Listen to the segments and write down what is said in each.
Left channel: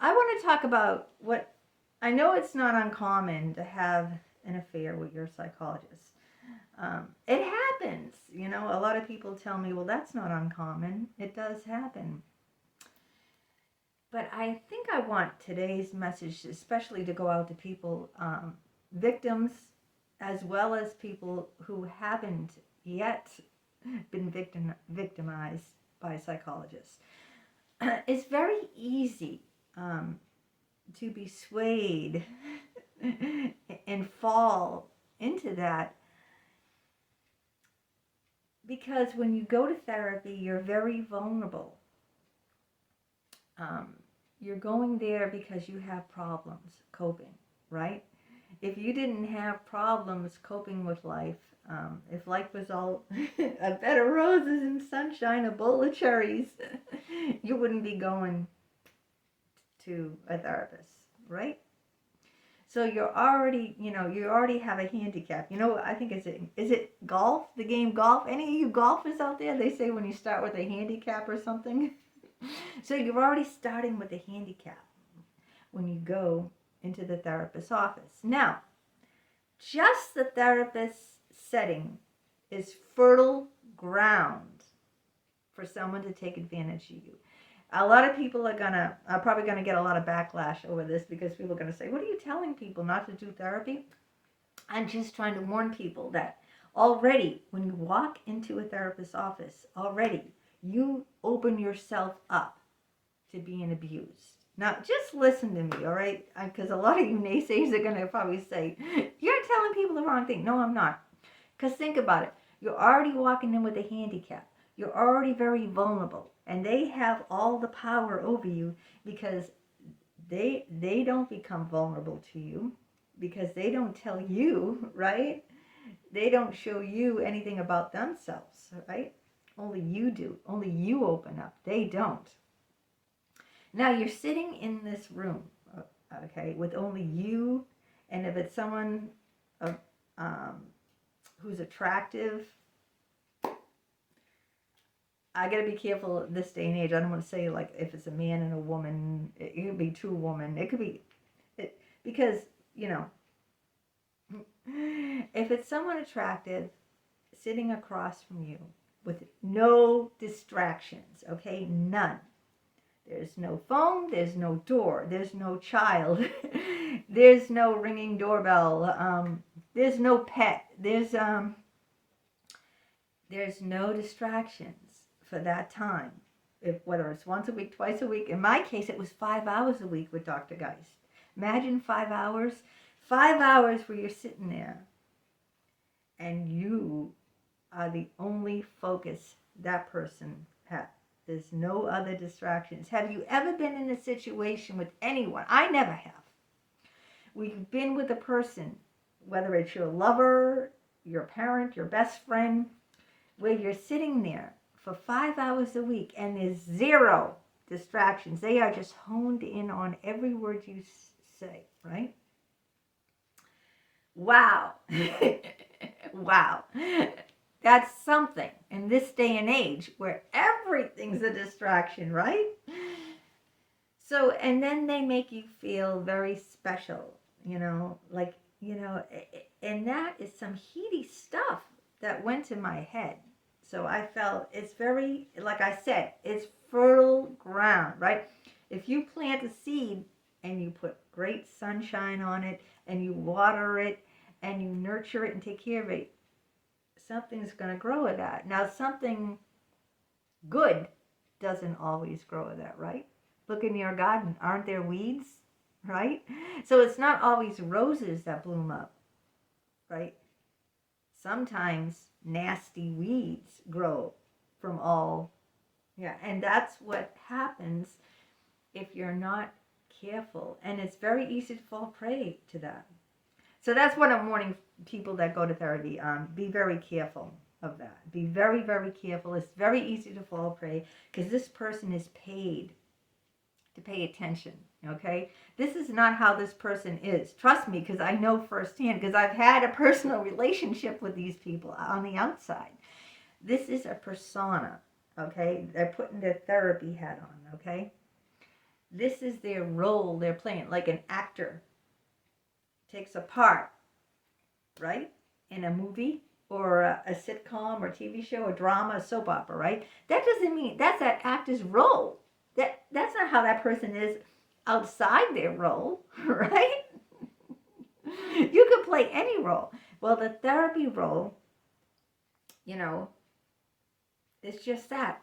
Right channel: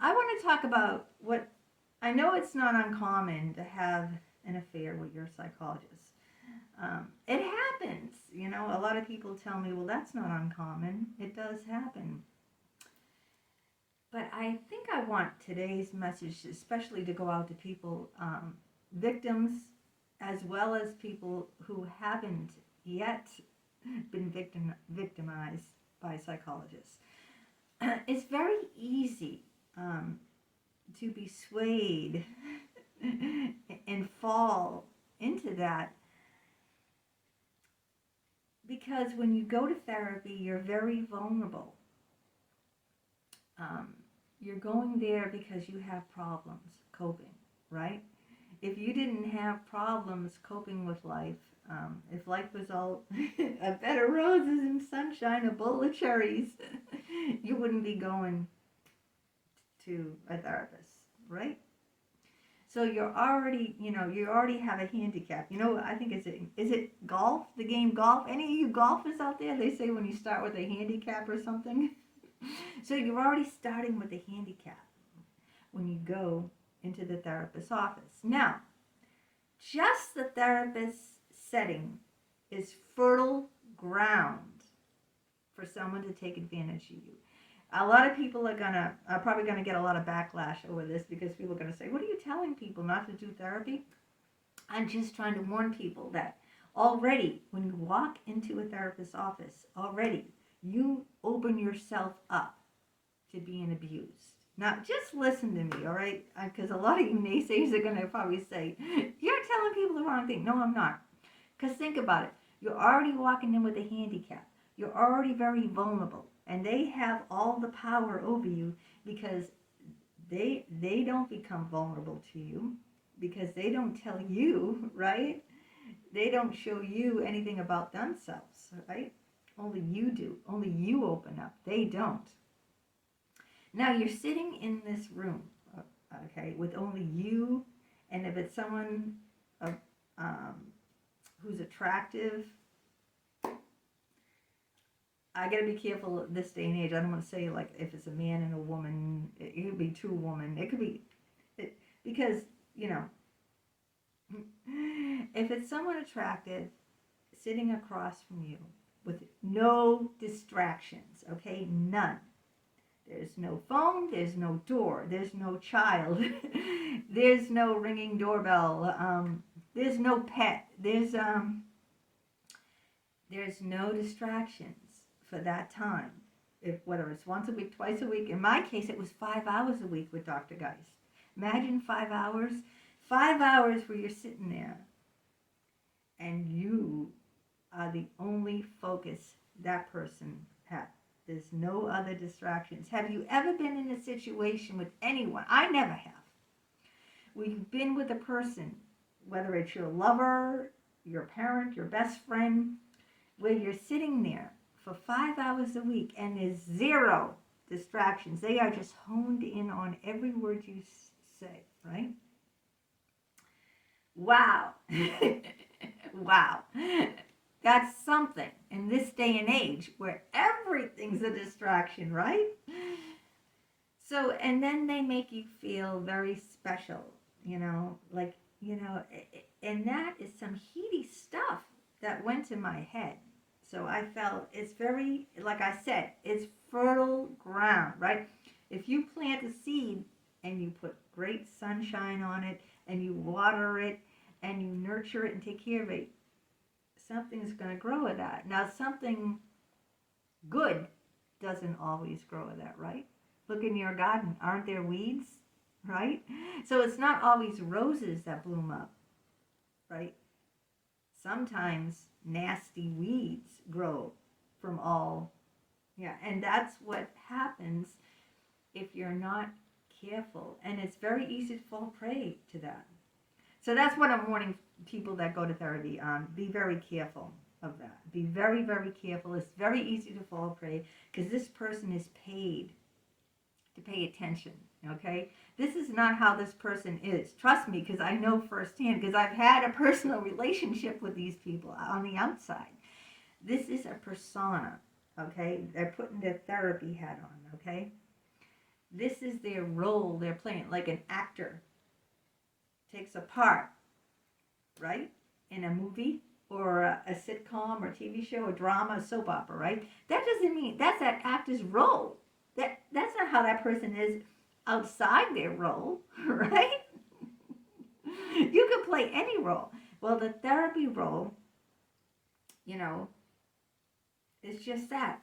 I want to talk about what I know. It's not uncommon to have an affair with your psychologist. It happens. A lot of people tell me, well, that's not uncommon. It does happen. But I think I want today's message, especially to go out to people, victims, as well as people who haven't yet been victimized by psychologists. It's very easy to be swayed and fall into that, because when you go to therapy, you're very vulnerable. Um, you're going there because you have problems coping, right? If you didn't have problems coping with life, if life was all a bed of roses and sunshine, a bowl of cherries, you wouldn't be going to a therapist, right? So you already have a handicap. I think is it golf, the game golf? Any of you golfers out there? They say when you start with a handicap or something. So you're already starting with a handicap when you go into the therapist's office. Now, just the therapist's setting is fertile ground for someone to take advantage of you. A lot of people are probably gonna get a lot of backlash over this, because people are gonna say, "What are you telling people not to do therapy?" I'm just trying to warn people that already, when you walk into a therapist's office, already you open yourself up to being abused. Now, just listen to me, all right? Because a lot of you naysayers are gonna probably say, "You're telling people the wrong thing." No, I'm not. Because think about it. You're already walking in with a handicap. You're already very vulnerable. And they have all the power over you, because they don't become vulnerable to you, because they don't tell you, right? They don't show you anything about themselves, right? Only you do. Only you open up. They don't. Now you're sitting in this room, okay, with only you, and if it's someone who's attractive, I gotta be careful this day and age. I don't want to say, like, if it's a man and a woman, it could be two women. It could be, because if it's someone attractive sitting across from you with no distractions, okay, none. There's no phone, there's no door, there's no child, there's no ringing doorbell, there's no pet, there's no distractions for that time. Whether it's once a week, twice a week. In my case, it was 5 hours a week with Dr. Geist. Imagine 5 hours. 5 hours where you're sitting there and you are the only focus that person has. There's no other distractions. Have you ever been in a situation with anyone? I never have. We've been with a person, whether it's your lover, your parent, your best friend, where you're sitting there for 5 hours a week and there's zero distractions. They are just honed in on every word you say, right? Wow. Wow. That's something in this day and age where everything's a distraction, right? So, and then they make you feel very special, and that is some heady stuff that went to my head. So I felt it's very, like I said, it's fertile ground, right? If you plant a seed and you put great sunshine on it and you water it and you nurture it and take care of it, something's going to grow with that. Now, something good doesn't always grow with that, right? Look in your garden. Aren't there weeds, right? So it's not always roses that bloom up, right? Sometimes nasty weeds grow from all, yeah, and that's what happens if you're not careful. And it's very easy to fall prey to that. So that's what I'm warning people that go to therapy. Be very careful of that. Be very, very careful. It's very easy to fall prey because this person is paid to pay attention, okay? This is not how this person is. Trust me, because I know firsthand, because I've had a personal relationship with these people on the outside. This is a persona, okay? They're putting their therapy hat on, okay? This is their role they're playing, like an actor takes a part, right? In a movie or a sitcom or TV show, a drama, a soap opera, right? That doesn't mean that's that actor's role. That's not how that person is outside their role, right? You could play any role. Well, the therapy role, you know, is just that.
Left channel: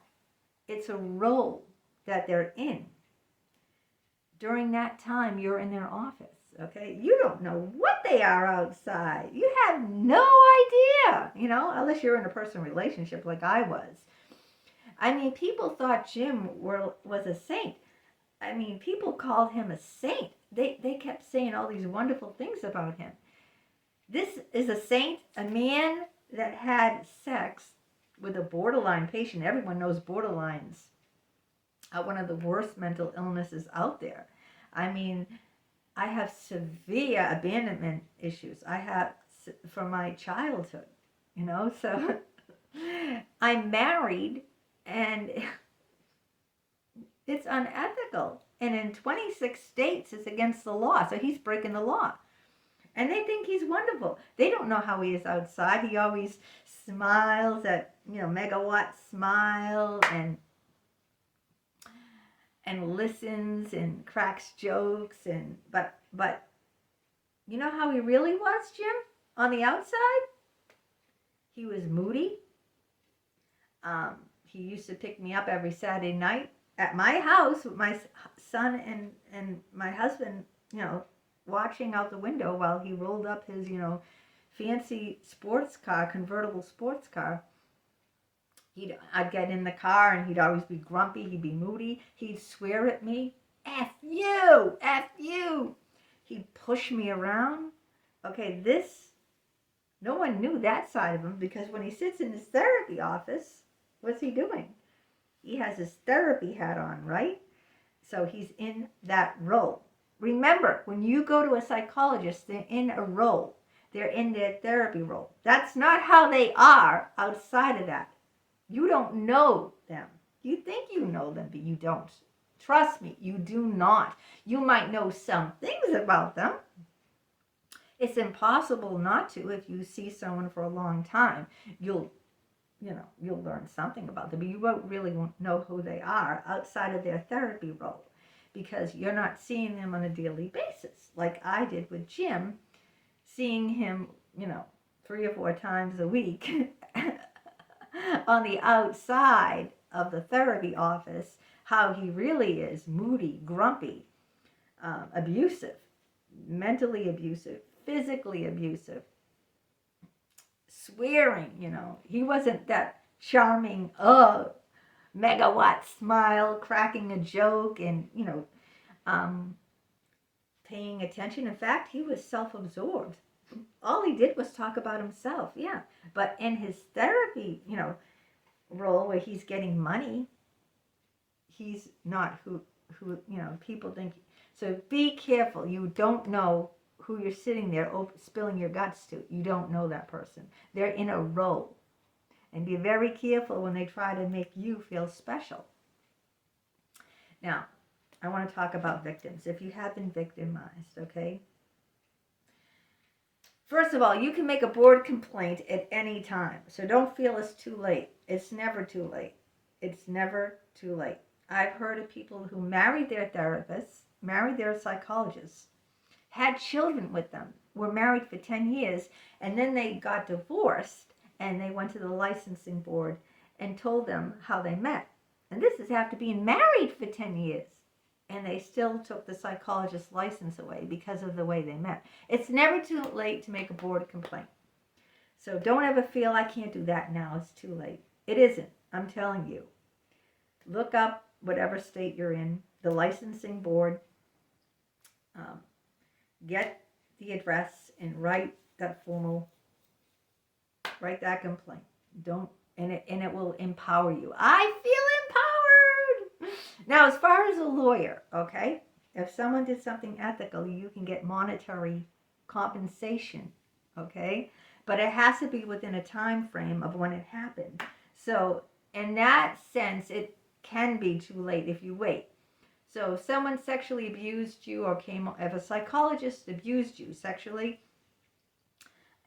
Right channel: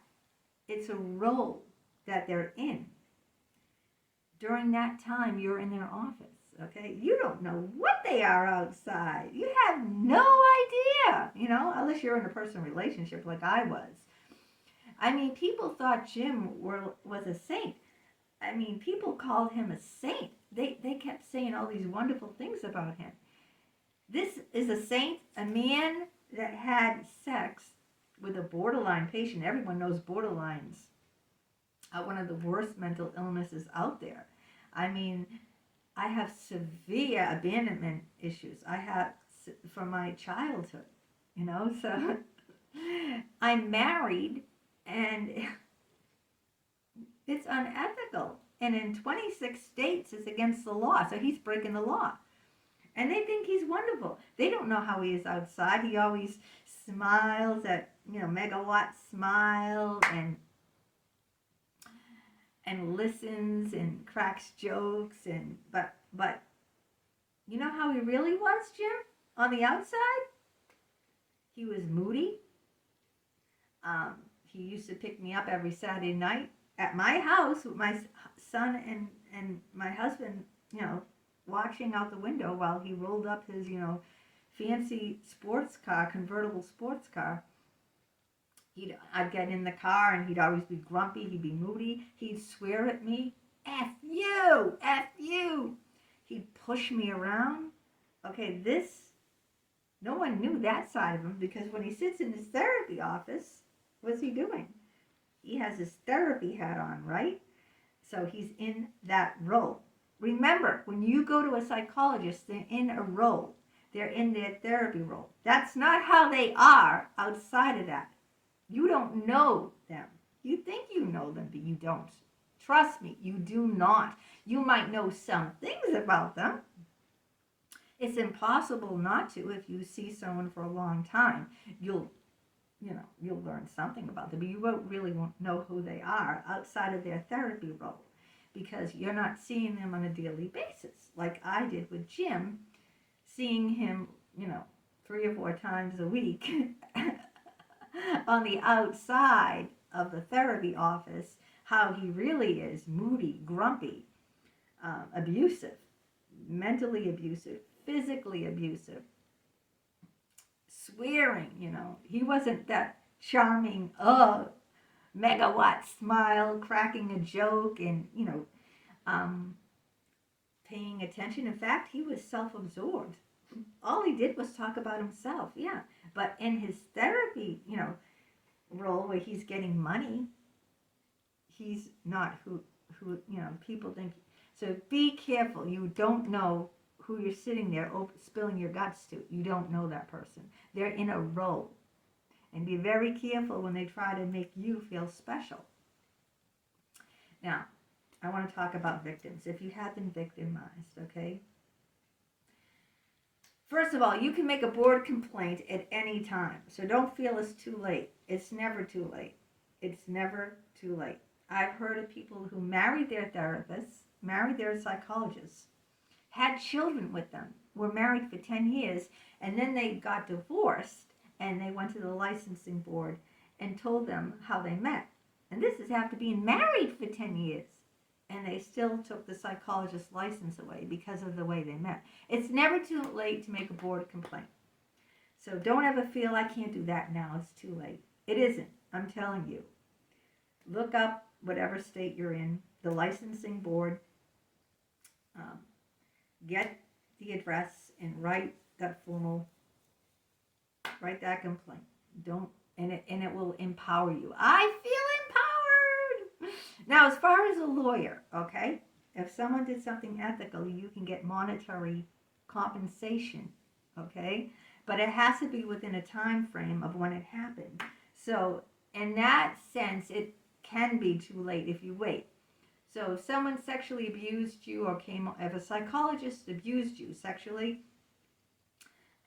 It's a role that they're in. During that time, you're in their office, okay? You don't know what they are outside. You have no idea, unless you're in a personal relationship like I was. I mean, people thought Jim was a saint. I mean, people called him a saint. They kept saying all these wonderful things about him. This is a saint, a man that had sex with a borderline patient. Everyone knows borderlines are one of the worst mental illnesses out there. I mean, I have severe abandonment issues. I have from my childhood, so I'm married and it's unethical. And in 26 states, it's against the law. So he's breaking the law. And they think he's wonderful. They don't know how he is outside. He always smiles at, megawatt smile and listens and cracks jokes but you know how he really was, Jim? On the outside, he was moody. He used to pick me up every Saturday night at my house with my son and my husband, watching out the window while he rolled up his, fancy sports car, convertible sports car. I'd get in the car and he'd always be grumpy. He'd be moody. He'd swear at me. F you! F you! He'd push me around. Okay, no one knew that side of him because when he sits in his therapy office, what's he doing? He has his therapy hat on, right? So he's in that role. Remember, when you go to a psychologist, they're in a role. They're in their therapy role. That's not how they are outside of that. You don't know them. You think you know them, but you don't. Trust me, you do not. You might know some things about them. It's impossible not to if you see someone for a long time. You'll learn something about them, but you won't really know who they are outside of their therapy role because you're not seeing them on a daily basis like I did with Jim, seeing him, 3 or 4 times a week on the outside of the therapy office, how he really is moody, grumpy, abusive, mentally abusive, physically abusive, swearing, he wasn't that charming, megawatt smile, cracking a joke and, paying attention. In fact, he was self-absorbed. All he did was talk about himself, yeah. But in his therapy, role where he's getting money, he's not who people think. So be careful. You don't know who you're sitting there spilling your guts to. You don't know that person. They're in a role. And be very careful when they try to make you feel special. Now, I want to talk about victims. If you have been victimized, okay? First of all, you can make a board complaint at any time. So don't feel it's too late. It's never too late. It's never too late. I've heard of people who married their therapists, married their psychologists, had children with them, were married for 10 years, and then they got divorced, and they went to the licensing board and told them how they met. And this is after being married for 10 years. And they still took the psychologist's license away because of the way they met. It's never too late to make a board complaint. So don't ever feel I can't do that now. It's too late. It isn't. I'm telling you. Look up whatever state you're in, the licensing board. Get the address and write that complaint. And it will empower you. I feel empowered. Now, as far as a lawyer, okay, if someone did something ethical, you can get monetary compensation, okay? But it has to be within a time frame of when it happened. So in that sense, it can be too late if you wait. So if someone sexually abused you or if a psychologist abused you sexually,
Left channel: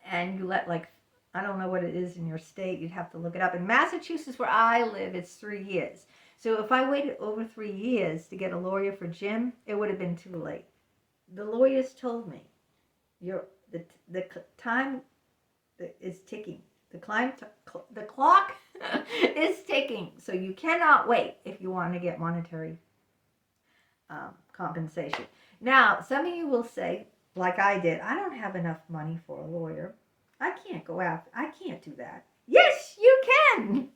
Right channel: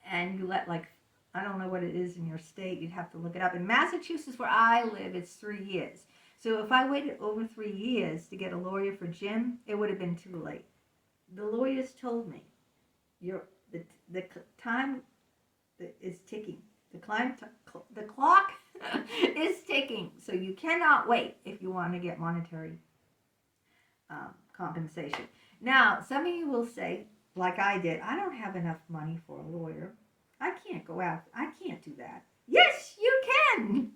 and you let, like, I don't know what it is in your state, you'd have to look it up. In Massachusetts, where I live, it's 3 years. So if I waited over 3 years to get a lawyer for Jim, it would have been too late. The lawyers told me, the time is ticking. The clock is ticking. So you cannot wait if you want to get monetary compensation. Now, some of you will say, like I did, I don't have enough money for a lawyer. I can't do that. Yes, you can.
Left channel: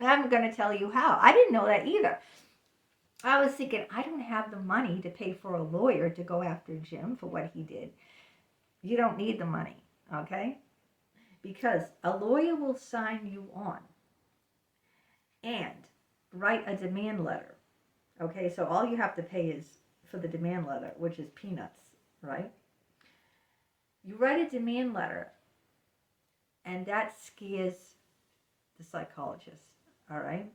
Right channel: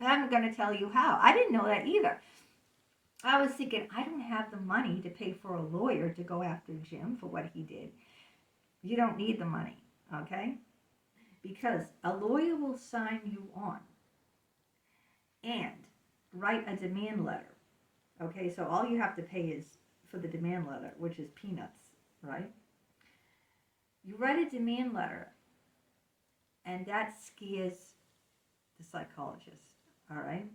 I'm going to tell you how. I didn't know that either. I was thinking, I don't have the money to pay for a lawyer to go after Jim for what he did. You don't need the money, okay? Because a lawyer will sign you on and write a demand letter. Okay, so all you have to pay is for the demand letter, which is peanuts, right? You write a demand letter, and that scares the psychologist, all right?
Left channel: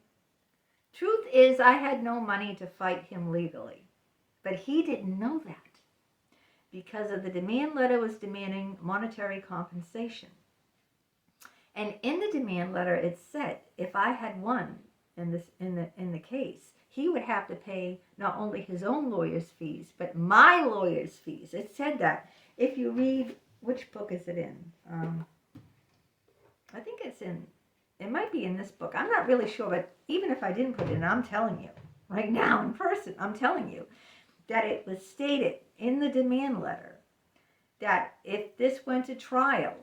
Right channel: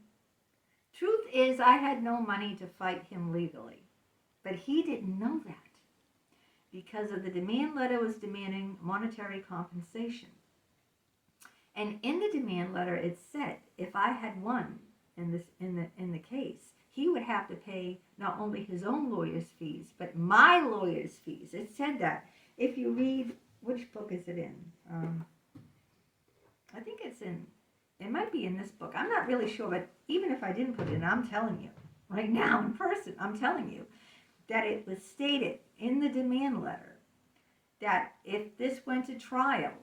Truth is, I had no money to fight him legally, but he didn't know that because of the demand letter was demanding monetary compensation. And in the demand letter, it said if I had won in the case, he would have to pay not only his own lawyer's fees, but my lawyer's fees. It said that. If you read, which book is it in? I think it might be in this book. I'm not really sure, but even if I didn't put it in, I'm telling you, right now in person, I'm telling you that it was stated in the demand letter that if this went to trial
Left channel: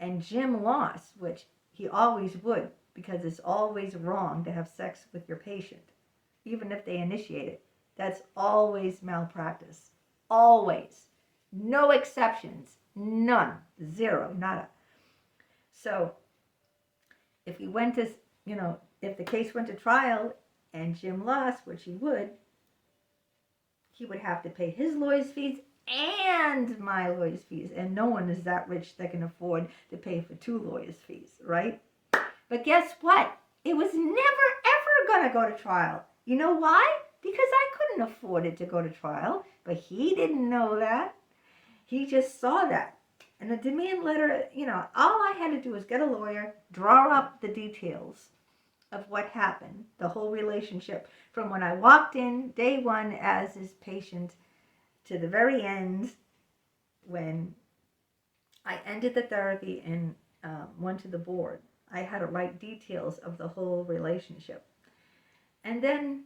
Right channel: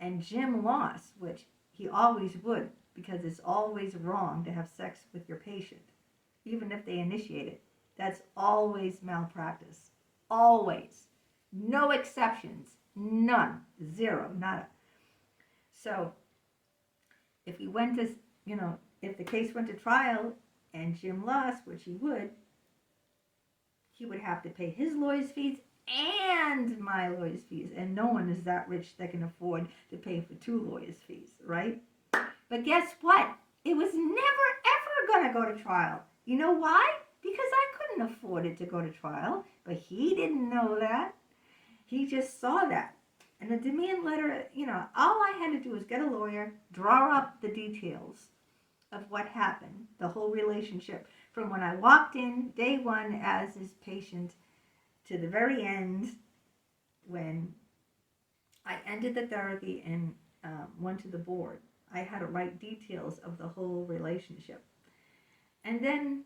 and Jim lost, which he always would, because it's always wrong to have sex with your patient, even if they initiate it. That's always malpractice. Always. No exceptions. None. Zero. Nada. So if he went to, if the case went to trial and Jim lost, which he would have to pay his lawyer's fees and my lawyer's fees. And no one is that rich that can afford to pay for 2 lawyers' fees, right? But guess what? It was never, ever going to go to trial. You know why? Because I couldn't afford it to go to trial. But he didn't know that. He just saw that. And the demand letter, all I had to do was get a lawyer, draw up the details of what happened, the whole relationship, from when I walked in, day one, as his patient, to the very end, when I ended the therapy and went to the board. I had to write details of the whole relationship. And then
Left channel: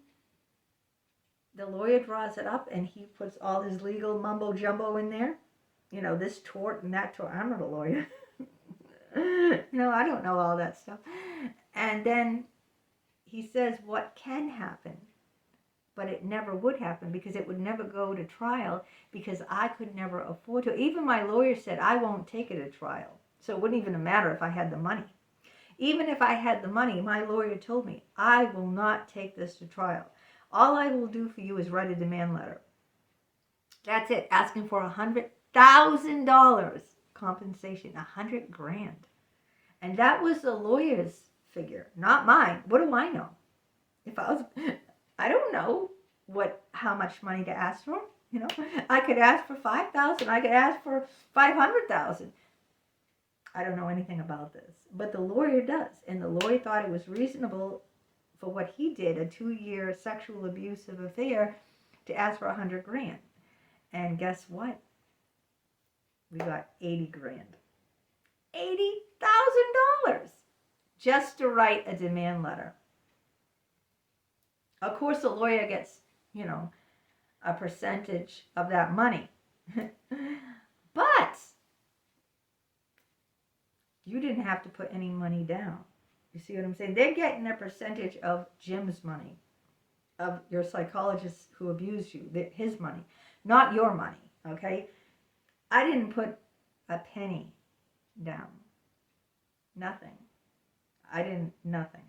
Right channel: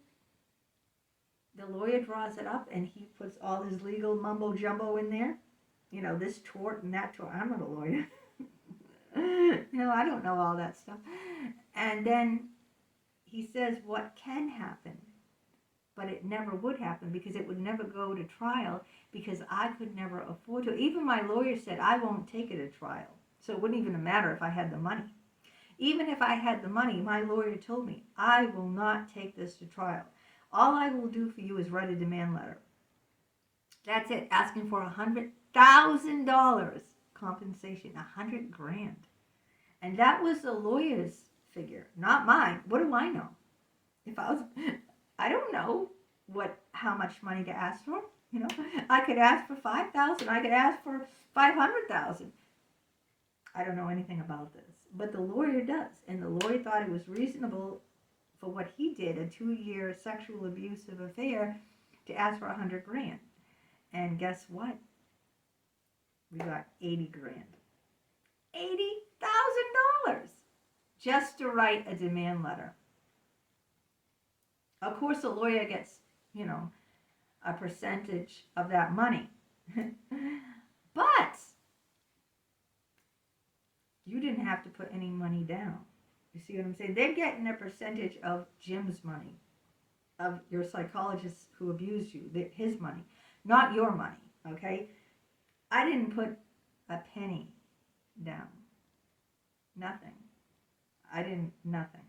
the lawyer draws it up and he puts all his legal mumbo jumbo in there. This tort and that tort. I'm not a lawyer. I don't know all that stuff. And then he says what can happen, but it never would happen because it would never go to trial because I could never afford to. Even my lawyer said, I won't take it to trial. So it wouldn't even matter if I had the money. Even if I had the money, my lawyer told me, I will not take this to trial. All I will do for you is write a demand letter. That's it. Asking for $100,000 compensation, $100,000. And that was the lawyer's figure, not mine. What do I know? I don't know how much money to ask for. I could ask for $5,000. I could ask for $500,000. I don't know anything about this, but the lawyer does. And the lawyer thought it was reasonable for what he did, a 2-year sexual abusive affair, to ask for $100,000. And guess what? We got $80,000. $80,000 just to write a demand letter. Of course, the lawyer gets, a percentage of that money. But you didn't have to put any money down. You see what I'm saying? They're getting a percentage of Jim's money, of your psychologist who abused you, his money, not your money, okay? I didn't put a penny down. Nothing. Nothing.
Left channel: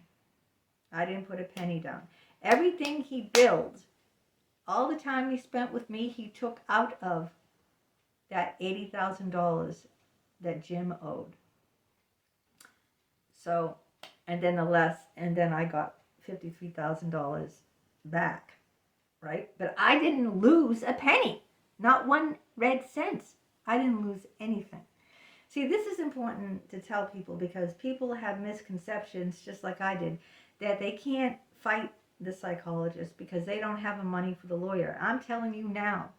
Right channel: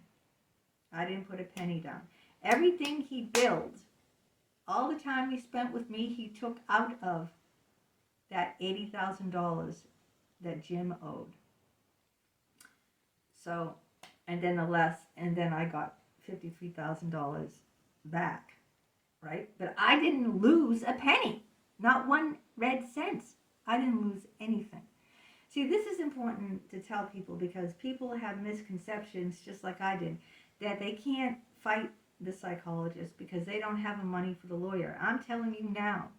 I didn't put a penny down. Everything he billed, all the time he spent with me, he took out of that $80,000 that Jim owed. So, and then I got $53,000 back, right? But I didn't lose a penny, not 1 red cent. I didn't lose anything. See, this is important to tell people because people have misconceptions, just like I did, that they can't fight the psychologist because they don't have the money for the lawyer. I'm telling you now,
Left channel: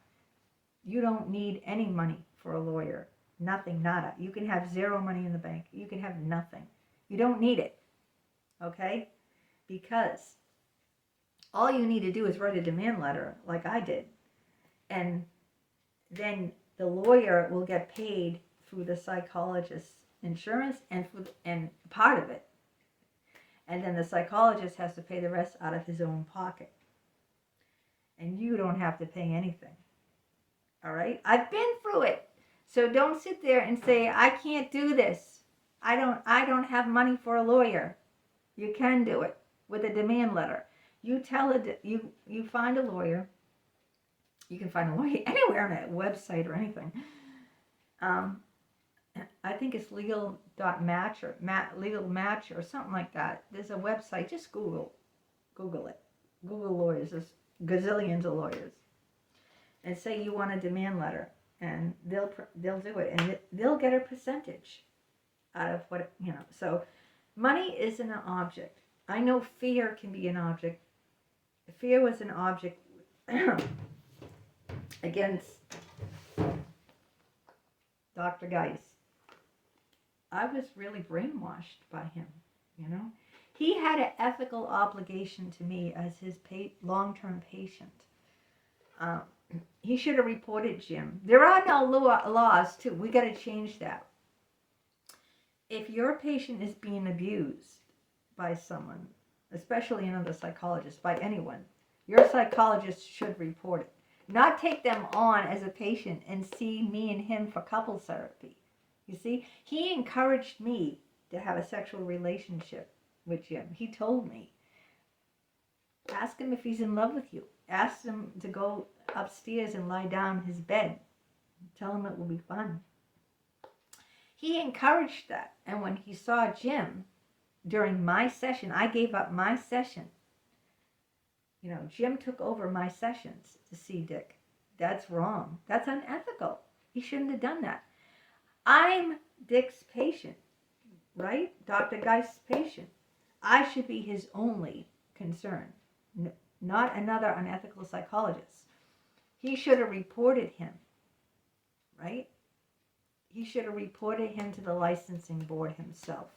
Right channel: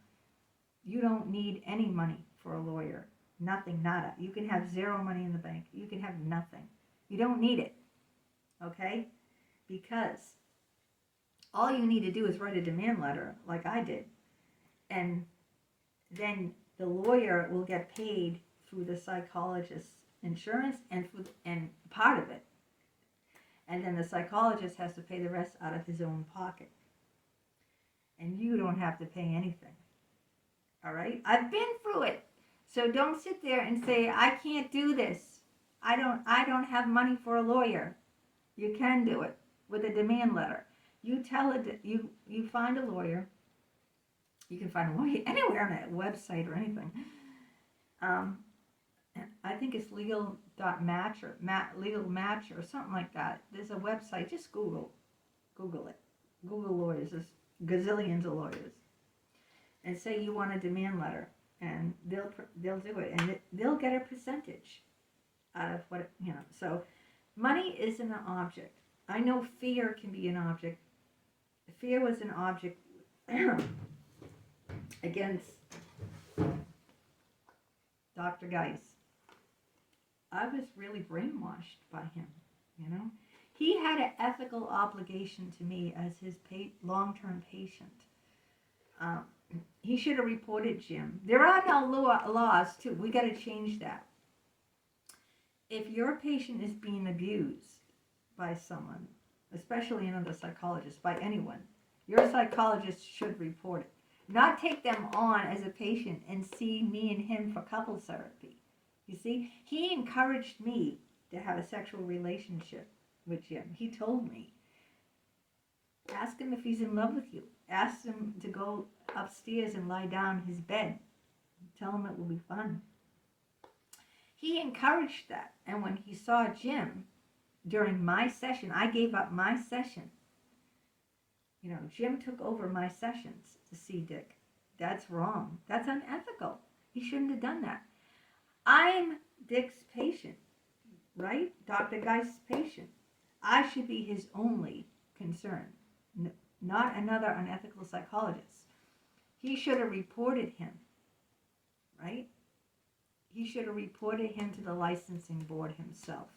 you don't need any money for a lawyer. Nothing, nada. You can have zero money in the bank. You can have nothing. You don't need it, okay? Because all you need to do is write a demand letter like I did. And then the lawyer will get paid through the psychologist's insurance and part of it. And then the psychologist has to pay the rest out of his own pocket. And you don't have to pay anything. All right? I've been through it. So don't sit there and say, I can't do this. I don't have money for a lawyer. You can do it with a demand letter. You tell it, you find a lawyer. You can find a lawyer anywhere on a website or anything. I think it's legal.match or legal match or something like that. There's a website. Just Google it. Google lawyers. There's gazillions of lawyers. And say you want a demand letter, and they'll do it, and they'll get a percentage out of what So money isn't an object. I know fear can be an object. Fear was an object against Dr. Geis. I was really brainwashed by him, He had an ethical obligation to me as his long-term patient. He should have reported Jim. There are no laws, too. We got to change that. If your patient is being abused by someone, especially another psychologist, by anyone, your psychologist should report it. Not take them on as a patient and see me and him for couples therapy. You see, he encouraged me to have a sexual relationship with Jim. He told me. Ask him if he's in love with you. Ask him to go upstairs and lie down in his bed. Tell him it will be fun. He encouraged that. And when he saw Jim during my session, I gave up my session. Jim took over my sessions to see Dick. That's wrong. That's unethical. He shouldn't have done that. I'm Dick's patient, right? Dr. Geist's patient. I should be his only concern, not another unethical psychologist. He should have reported him, right? He should have reported him to the licensing board himself.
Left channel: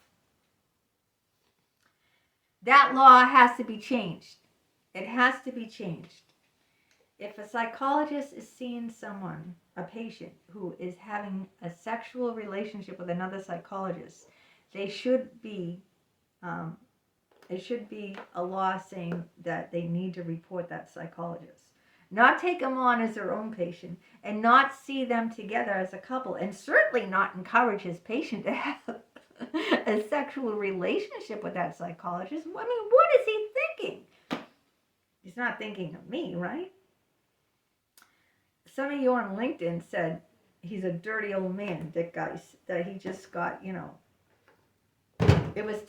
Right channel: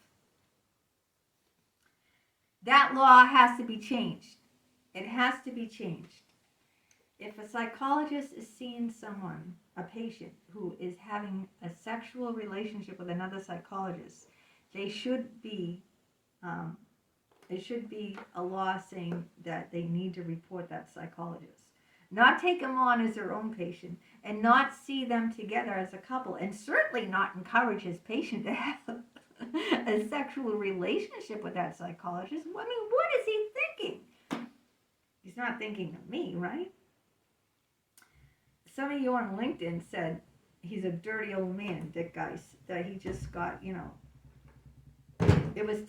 That law has to be changed. It has to be changed. If a psychologist is seeing someone, a patient, who is having a sexual relationship with another psychologist, it should be a law saying that they need to report that psychologist. Not take them on as their own patient and not see them together as a couple, and certainly not encourage his patient to have a sexual relationship with that psychologist. I mean, what is he thinking? He's not thinking of me, right? Some of you on LinkedIn said he's a dirty old man, Dick Geis, that he just got, it was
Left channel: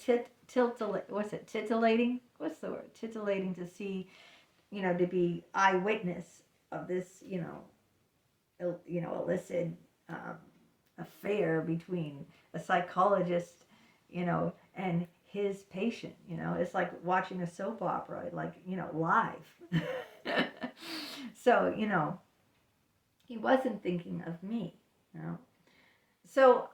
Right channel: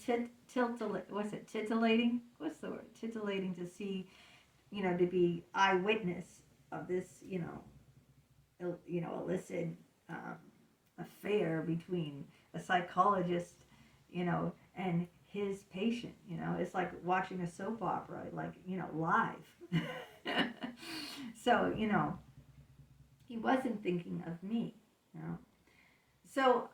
titillating? What's the word? Titillating to see, to be eyewitness of this, illicit affair between a psychologist, and his patient. It's like watching a soap opera, like, live. So, he wasn't thinking of me. So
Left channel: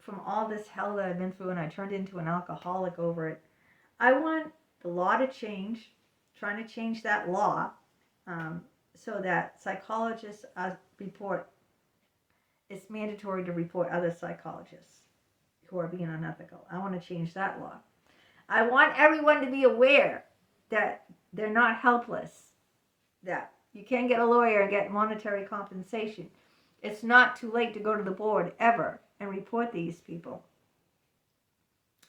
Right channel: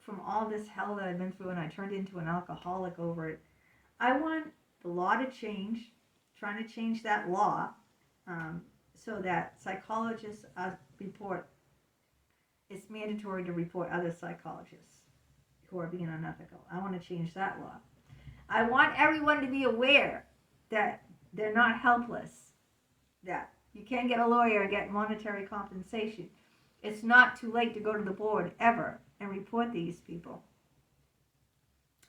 from all this hell that I've been through, and I turned into an alcoholic over it, I want the law to change, trying to change that law, so that psychologists it's mandatory to report other psychologists who are being unethical. I want to change that law. I want everyone to be aware that they're not helpless, that you can get a lawyer and get monetary compensation. It's not too late to go to the board ever and report these people.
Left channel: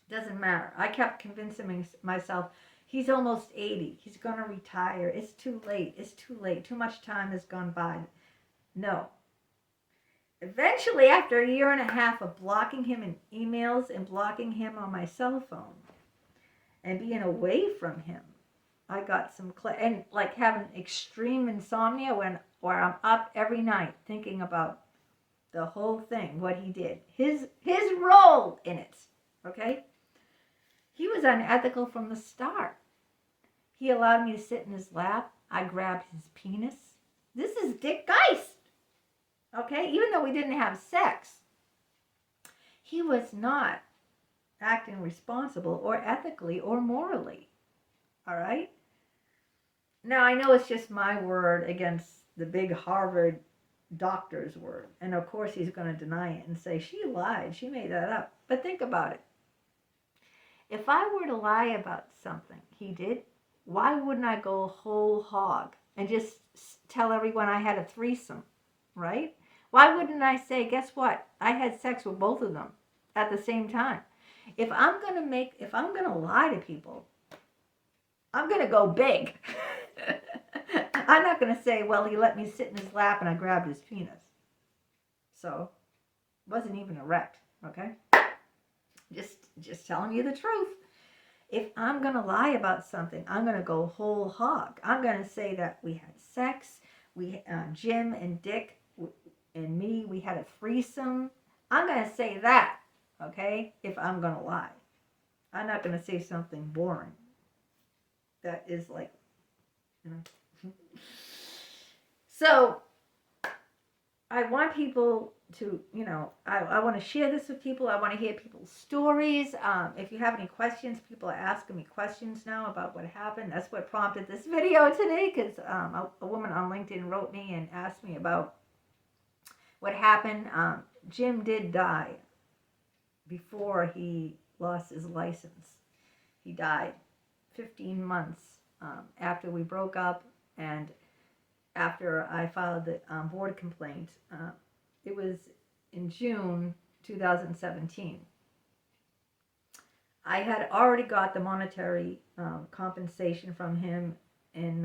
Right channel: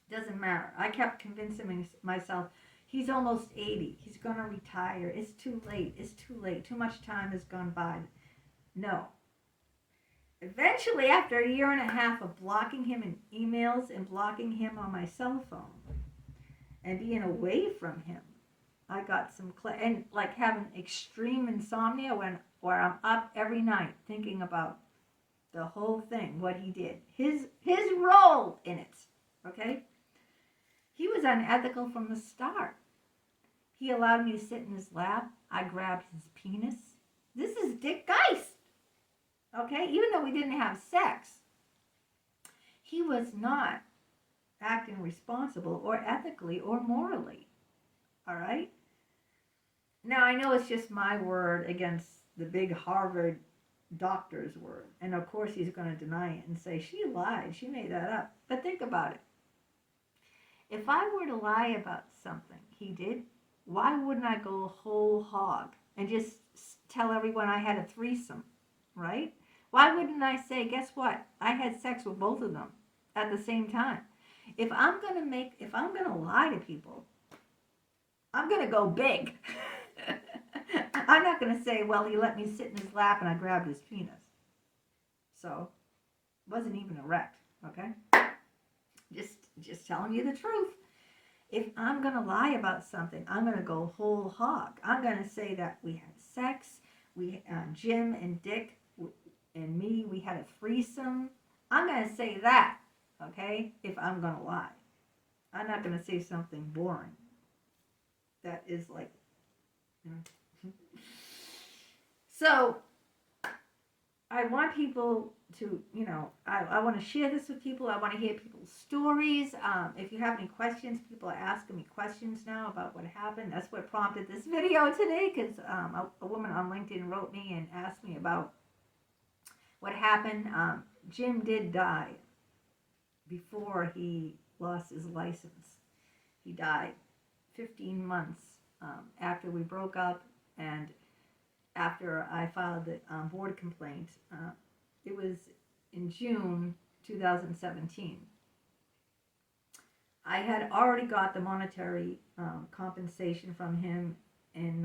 Doesn't matter. I kept convincing myself, he's almost 80. He's going to retire. It's too late. It's too late. Too much time has gone by. No. Eventually, after 1.5 years of blocking him in emails and blocking him on my cell phone and being away from him, I got some, and like having extreme insomnia where I'm up every night thinking about the whole thing, what he did, his role in it, okay? He was unethical from the start. He allowed me to sit in his lap. I grabbed his penis. This is Dick Geist, okay? Even though we didn't have sex, he was not acting responsible or ethically or morally, all right? Now, I know it's just my word against the big Harvard doctor's word. And of course, he's going to deny it and say, she lied. She made that up. But think about it. If I were to lie about something he did, why wouldn't I go whole hog and just tell everyone I had a threesome, right? Why wouldn't I say, guess what? I had sex with both of them at the same time. If I'm going to lie to people, I'm going to go big. I'm not going to say, well, he let me sit in his lap and I grabbed his penis. So, wasn't even erect, okay? Just telling you the truth. If I'm going to lie about something, I'm going to go whole hog. I'm going to say that we had sex, Jim and Dick and me, we had a threesome. I'm going to say that, okay, if I'm going to lie. I'm not going to say something boring. That is like, you know. So, I want people to, you know, I want to share this with people. I want to hear people's stories. If you have any questions, people are asking me questions now about what happened. That's what prompted this video today, because a woman on LinkedIn wrote me and asked me about what happened. Jim did die before he lost his license. He died 15 months after we broke up and after I filed the board complaint. It was in June 2017. I had already got the monetary compensation from him in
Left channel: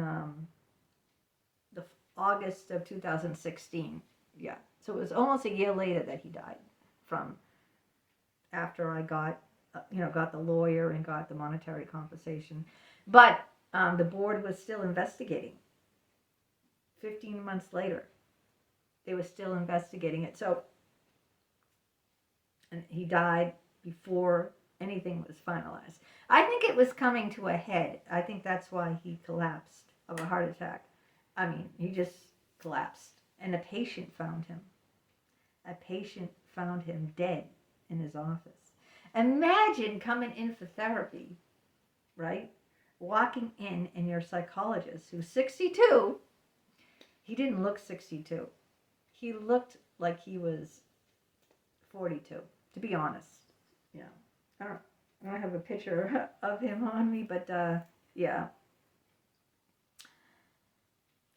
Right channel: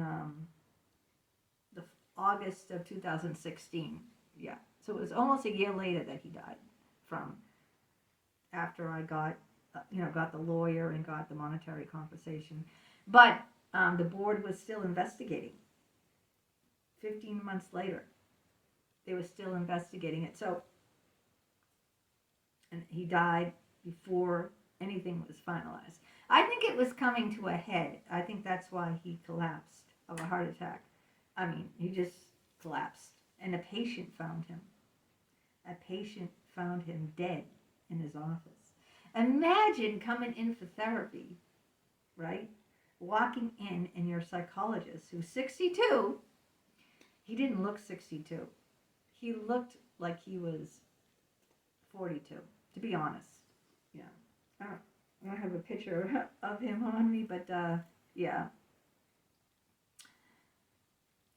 the August of 2016. Yeah, so it was almost a year later that he died from after I got the lawyer and got the monetary compensation. But the board was still investigating. 15 months later, they were still investigating it. So, and he died before anything was finalized. I think it was coming to a head. I think that's why he collapsed of a heart attack. I mean, he just collapsed. And a patient found him. A patient found him dead in his office. Imagine coming in for therapy, right? Walking in and your psychologist, who's 62, he didn't look 62. He looked like he was 42, to be honest. Yeah. I don't have a picture of him on me, but yeah.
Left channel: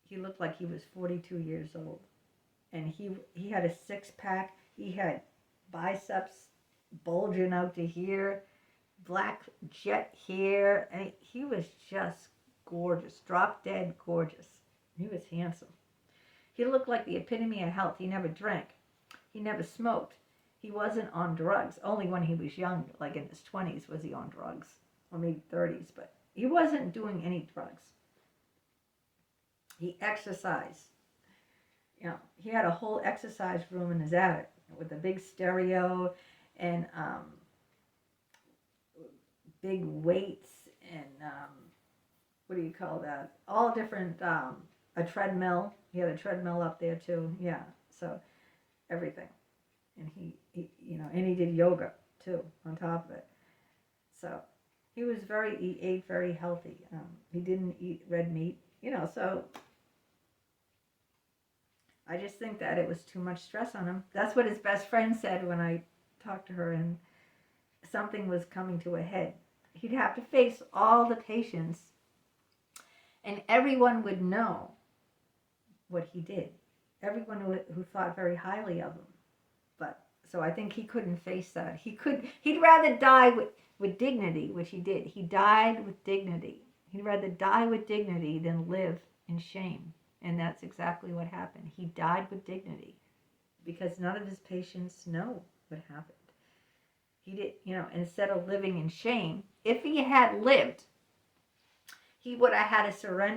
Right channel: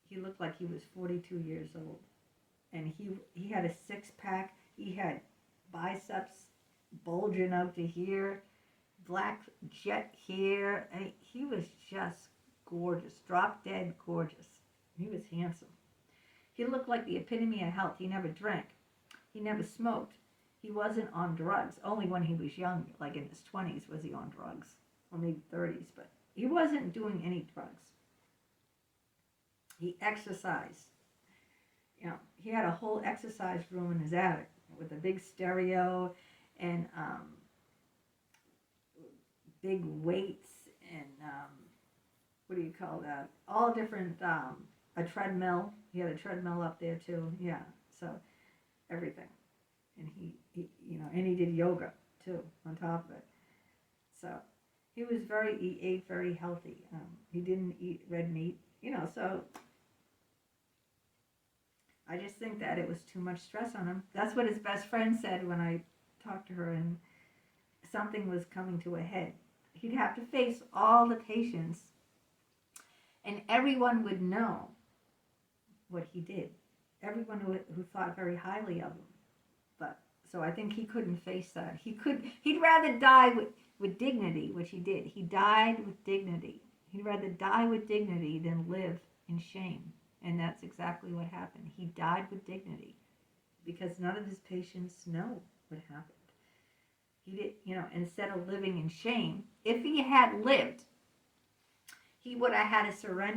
He looked like he was 42 years old. And he had a six-pack. He had biceps bulging out to here, black jet hair. And he was just gorgeous, drop-dead gorgeous. He was handsome. He looked like the epitome of health. He never drank. He never smoked. He wasn't on drugs. Only when he was young, like in his 20s, was he on drugs. Or maybe 30s, but he wasn't doing any drugs. He exercised. You know, he had a whole exercise room in his attic with a big stereo and big weights and what do you call that? All different, a treadmill. He had a treadmill up there too. Yeah, so everything. And he and he did yoga too on top of it. So he ate very healthy. He didn't eat red meat, so I just think that it was too much stress on him. That's what his best friend said when I talked to her and something was coming to a head. He'd have to face all the patients and everyone would know what he did. Everyone who thought very highly of him. But so I think he couldn't face that. He'd rather die with dignity, which he did. He died with dignity. He'd rather die with dignity than live in shame. And that's exactly what happened. He died with dignity because none of his patients know what happened. He did, instead of living in shame, if he had lived, he would have had to surrender